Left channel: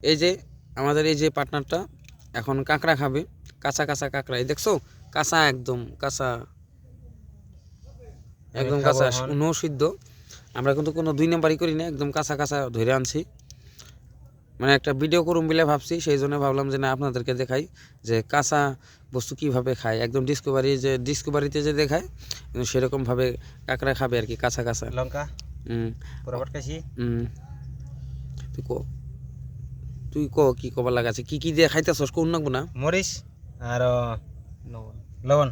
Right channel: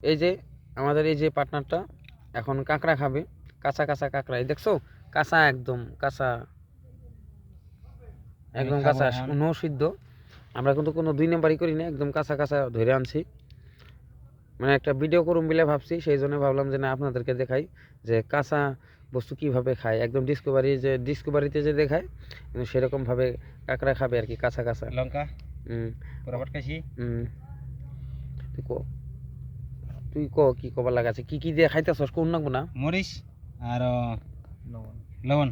এই যে আমাদের এই যে পার্টনারটা এখন কাঁকড়া খাবে, কাঁচা কাঁচা কাঁকড়া। এই দেখছো, কাঁচা, একদম কাঁচা, একদম কাঁচা, নো সিদ্ধ। আমরা কিন্তু কোনো 2 নাম্বারই করি না, একদম কাঁচা কাঁচা ধরে আনছি। মানে একটা ভিডিও করুম বলে ভাবছি, সেই জন্য ভাবলাম যে না আপনাদেরকে দেখাই যে কাঁচা বস্তু কীভাবে খায়, একদম ডিসকভারিতে যে দেখায় সেরকমভাবে কাঁকড়া খাবে আর কি, কাঁচা কাঁচা। লঙ্কা বরাবর খাইছি। তুই কি কবার লাগাছে, কি কি দিয়ে খাইতেছস কোন নাকবো না? মরিচ আর লবণ।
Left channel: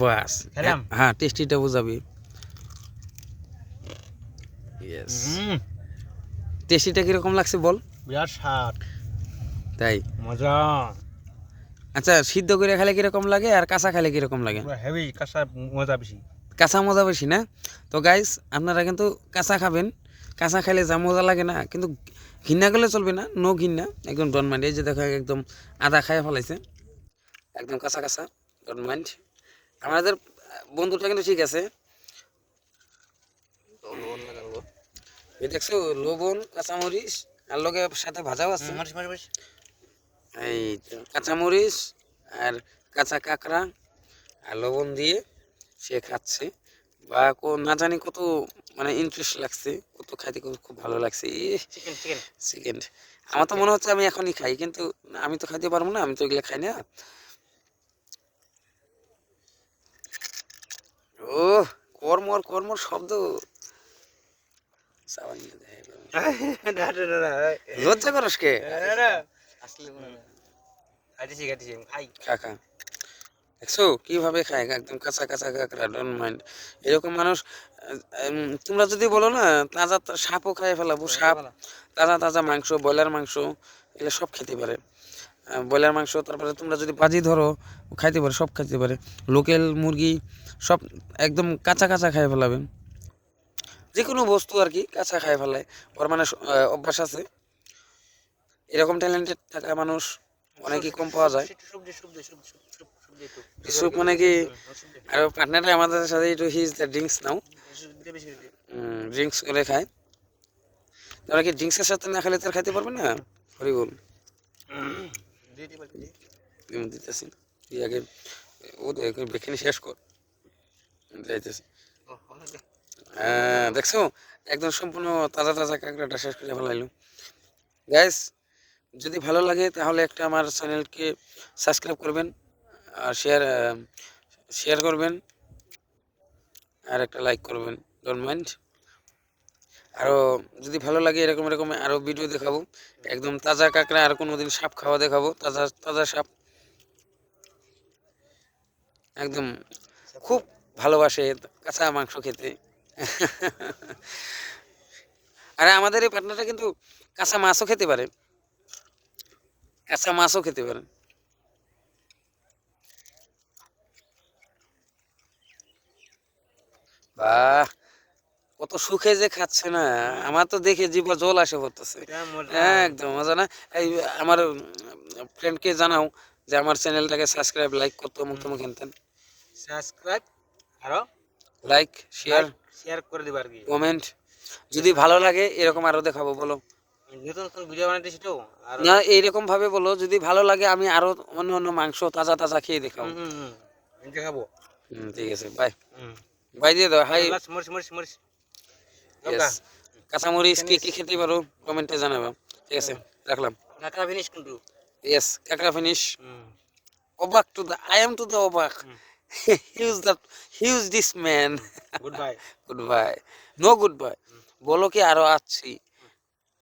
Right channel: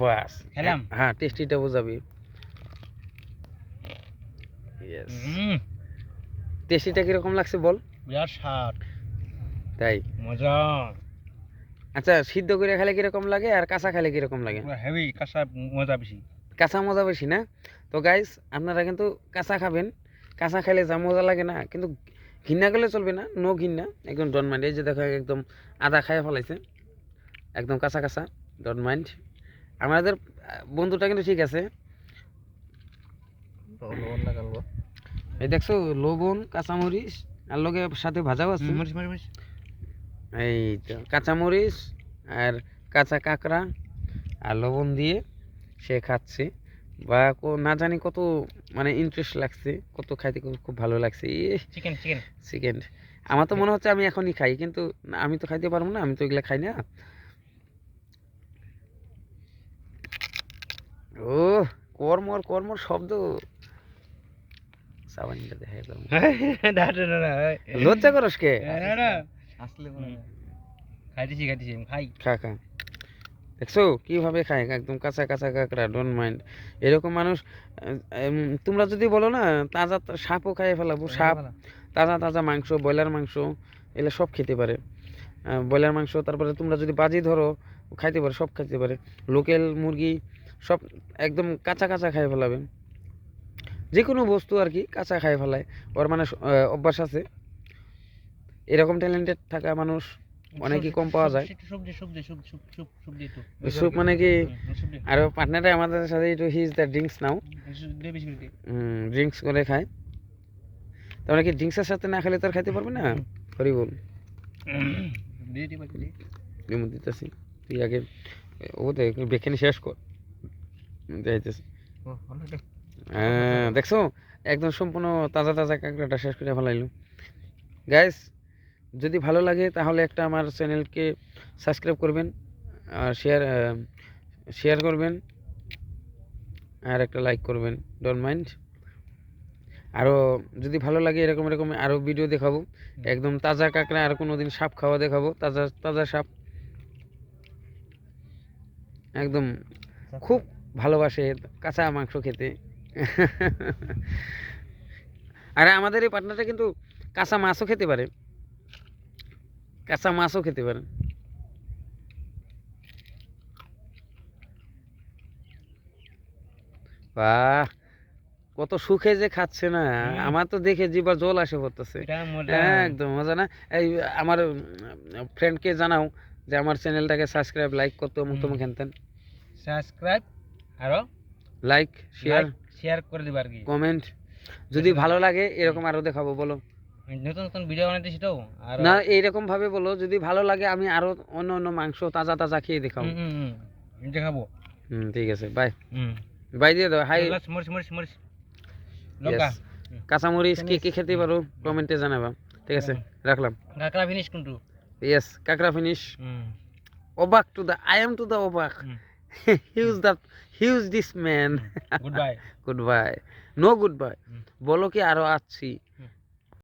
বাস খেলাম। হ্যাঁ, টেস্টিটা বুঝাবি। টেস্টিটা কিরকম লাগছে বল? বিরাট স্বাদ, তাই মজা। আচ্ছা, সিদ্ধ করে খেলে কিরকম লাগে আর কাঁচা খেলে কিরকম লাগে? হেভি, কাঁচা মজা বেশি। কাঁচা মজা বেশি না? তো গাইস, আপনারা কিন্তু কাঁচা খাবেন। কাঁচা খেলে যা মজা লাগে না, কিন্তু ঘৃণা করলে চলবে না, নো ঘৃণা, একদম ডন মাইন্ড। এই যে দেখো, একদম আদা খাইয়া ফেলাইছে, একদম কাঁচা কাঁচা, ডন মাইন্ড। আমাদের বন্ধুটা কিন্তু ঠিক আছে। এই দেখছো, লবণ, কাঁচামরিচ আর লগে সাথে ভাজাও আছে। এই কাঁচামরিচ আর কাঁচা কাঁকড়া আর লবণ দিয়ে সে খাচ্ছে, বা না জানি কত মানে ইন্টারেস্ট লাগছে, কত খাইতে খুব ভালো লাগছে। চিকেন আমার তো মনে হচ্ছে আমি এখনই খাই, কিন্তু আমি তো খাইতে পারবো না, আমি তো এগুলো খাই না। ও কর্মর শব্দ, লজ্জা করস কে? খা খা। দেখছো কিভাবে খায়, একদম কাঁচা কাঁচা কাঁকড়া, ডোন্ট মাইন্ড। এরকম মানুষ তোমরা যদি বলো না তাজা সাপও খাইয়ে ফেলাবো, সাপ, তাজা তাজা মাংস, ব্রয়লার মাংস, এগুলো সব খেতে পারে। ব্রয়লার মাংস, তারপরে তোমরা যদি বাজি ধরো খাইতে পারে, সব খাইতে পারে। লোকাল মুরগি সব একদম কাঁচা কাঁচা খাইয়ে ফেলাবেন, যে কোনো বস্তু আর কি কাঁচা খাইয়ে ফেলায় ওর, মানে অভ্যাস আছে। এরকম ট্যালেন্টেড থাকা মানুষ অনেকই কম পাওয়া যায়। স্যুপ মানে কি? আর পার্টনারে আমাদের সাথে একটু his the drinks now, drinks করে খায়। তাহলে কি ড্রিঙ্কসের সাথে না খেলে তার খাইতে পারবে না? সরি বল, দিতেছি, তুই আগে ও বেখানি শেষ কর। হ্যাঁ দেখছো, একদম সম্পূর্ণ তাজা তাজা কাঁকড়াটা শেষ করে ফেলাইলো। গাইস, যদি ভালো লাগে তাহলে একটা আমার চ্যানেলকে সাবস্ক্রাইব করবেন, আর শেয়ার করবেন, আর একটা লাইক করবেন, ডোন্ট মাইন্ড। আরও যদি ভালো লাগে এরকম আরও ভিডিও দেখাবো, একদম তাজা কাঁকড়া, আর কোনো দিন সাপ খাওয়া দেখাবো, তাজা তাজা সাপ। একদম খুব ভালোবাসে কাঁচা মাংস খেতে। আর আমাদের এই পার্টনারটা কিন্তু কাঁচা মাছও খেতে পারে, কাঁচা মাছও খেতে পারে। বাহ, কত সুখে যে খাচ্ছে না, আমার তো দেখে জিভে জল আসে পড়তেছে। একদম মজা না? এই আমার ফ্রেন্ডকে জানাও যে আমার চ্যানেলটাকে সাবস্ক্রাইব, লাইক করতে, মুক্ত মুখ হেনতেন সাবস্ক্রাইব আরো লাইক শেয়ার করে দিবা আর কি, কমেন্ট। যদি ভালো লাগে এরকম আরো দেখাবো, বলো নতুন নতুন ভিডিও বানাইতেছি তো। আর না, এইরকম ভাবে বলো, যদি ভালো লাগে আমি আরো অন্য অন্য মাংস তাজা তাজা খেয়ে দেখাবো, দেখাবো। ঠিক আছে, বাই বাই দিয়ে দাও। হাই, মরিচ কাঁচামরিচ কি খেতে পারো কমেন্টে জানাবা, ঠিক আছে, রাখলাম। কাঁকড়া ফিনিশ কিন্তু, ইয়েস, কাঁকড়া ফিনিশ। অবাক to the, I am to the অবাক। Huge this man. Goodbye. Goodbye, no goodbye, বলো কি আরো আসছি।